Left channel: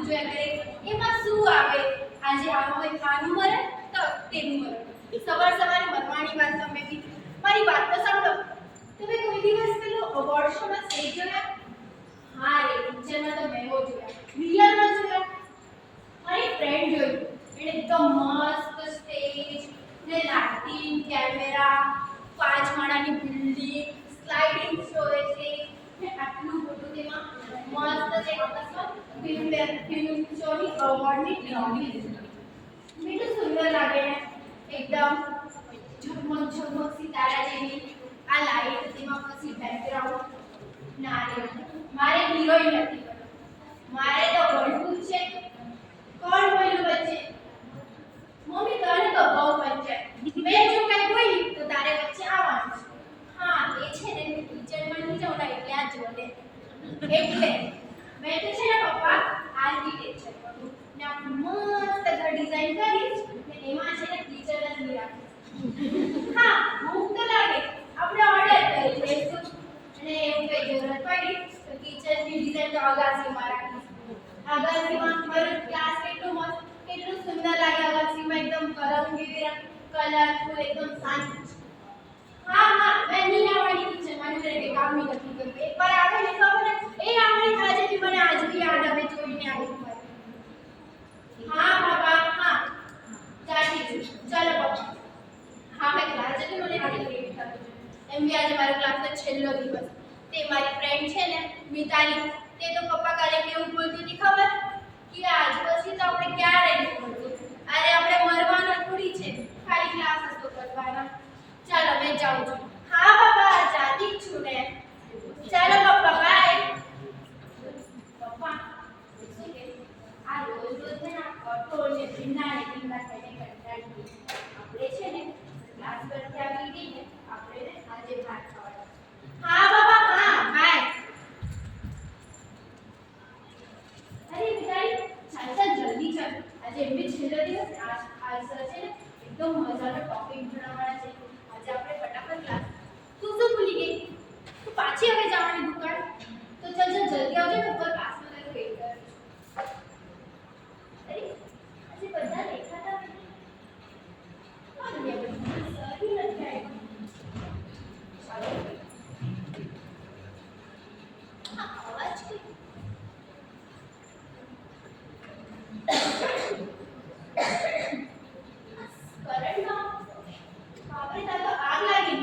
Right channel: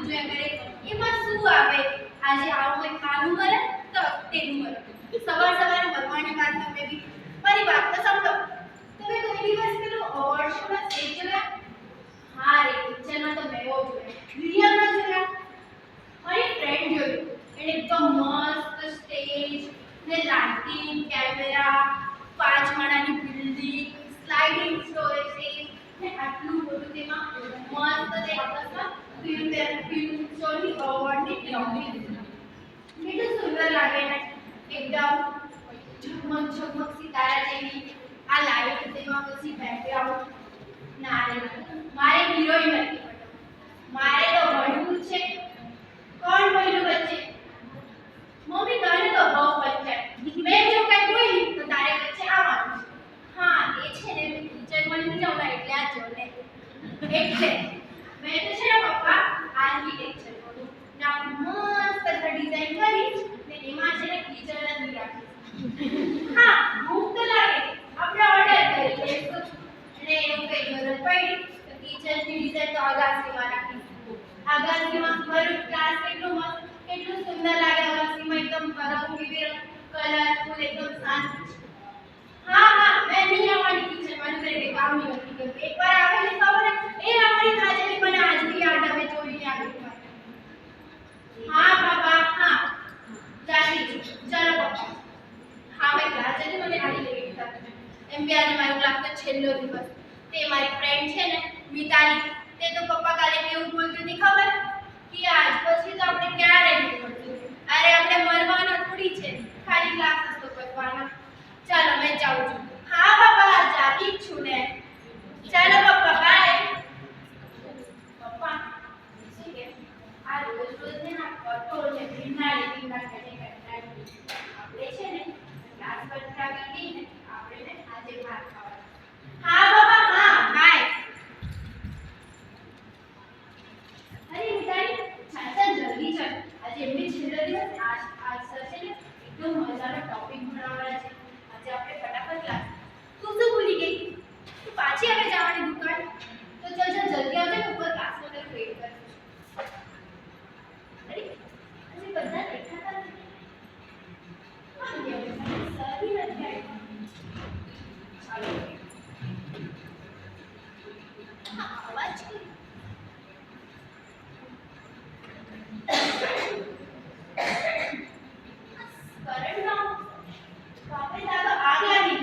cartoon જોયા કરે એમાં શું આવે આજે આવો કોઈ ખાનું મરે તો તેનું મરે સવાર સવારે મરવાની વાત તમે બી મારી વાત તો સાંભળો તમે કોઈ દિવસ પેલું અવોર્ડ શોમાં સ્ટેજ જોયા હા રે પિક્ચરમાં તો મેં જોયા રિયલમાં જોયા મારી ફ્રેન્ડ જોયું એટલે એકદમ મસ્ત સ્ટેજ ને લાઇટિંગ કેમેરા 5 માળાની બિલ્ડિંગ સ્લાઇડિંગ સ્ટોરેજ ને આટલું બધું તેમાં મસ્ત છે આપસમાં ફિલ્મ શોની અવોર્ડની ગ્રાઉન્ડિંગ કેટલું સુંદર લાગે ને એકદમ ઝગમગ ઝગમગ સિતારા જેવી આ લાઇટ તેમાં પછી બેકગ્રાઉન્ડ ના રે મારે હિરોઈન નથી મારે તો ભણવું છે કોણ બોલ્યું વચ્ચે મમ્મી તને તો બહુ પંચાયત મેં જો કઈ બોલી તો તારે વચ્ચે આવવાનું છે હા એ છે ને મેં ટીચર બની જાઉં ને એટલે આ જોડે એટલે મેં તો છે ને પપ્પા આર્કિટેક્ચર કરું ને આપણે મસ્ત ઘર ડિઝાઇન કરીશ ને એમાં છે ને ટીચર જ નહીં રાખીશ હા ભૂખ તો લાગે આપણે ઓર્ડર કરી દઈશું અને એવું કઈ જરૂરત પડી તો ટીચરની ડિઝાઇન તો અગાસીમાં રાખીશ અગાસીમાં મારું ક્લાસ કેટલું મસ્ત કેટલું સુંદર લાગે અગાસીમાં એકદમ રંગબેરંગી કલરફુલ એકદમ શાંત હા હા મેં નહીં આવવાની ટીચર મારું ઘરે કામ નહીં નથી કર્યું એકવાર આવેલી ખબર એ રામણી થાજેલી મને આજ બી યાદ આવે જોઈને આવી હા બાબા હા જાતી ચલો પપ્પા હા મેં ક્લાસ જતી મને આજે લેટ થતું એમ બી આજે મારો ક્લાસનો છેલ્લો દિવસ તે મારી ફ્રેન્ડ છે ને મિતાલી તે તો પપ્પા કાલે કેવું બોલતી હતી ખબર કે આજ પછી તો આપણે ક્યારે નહીં મળતું અરે આપણે મરવાનો થોડી છે ખાલી ક્લાસ તો કરવાનો ચાલો મેં જાઉં છું હા બાબા જાતી જ છું ને ચાલો પપ્પા બાય પપ્પા શું કે આ રોજ રોજ ને ના કઠોળ ને ભીના ખાઈને કંટાળી આપણે છે ને ક્લાસ પરથી આવી ગઈ ને આપણે ને આજે ભાત ખાવાના હા બાબા હા બાય અરે મિતાલી ચાલ ચાલ જલ્દી ચાલ આજે એમની છેલ્લો દિવસ આજ સર છે ને એકદમ મજાનો ટોપિક ભણાવવાના છે આજે આપણે ફટાફટ ક્લાસ તું શું ભૂલી ગઈ તું પાછી હવે જવાની દુકાન તો ચાલ ચાલ જલ્દી આવજે ને ઉપર ક્લાસમાં તને વેઇટ કરું છું અરે આજે બધા દેખાતા નથી કોણ ગયા બધા સરી નથી આવ્યા ચાલો હા અવાજ કોઈ કરંટ ના બાપરે તાર તો આગ લાગી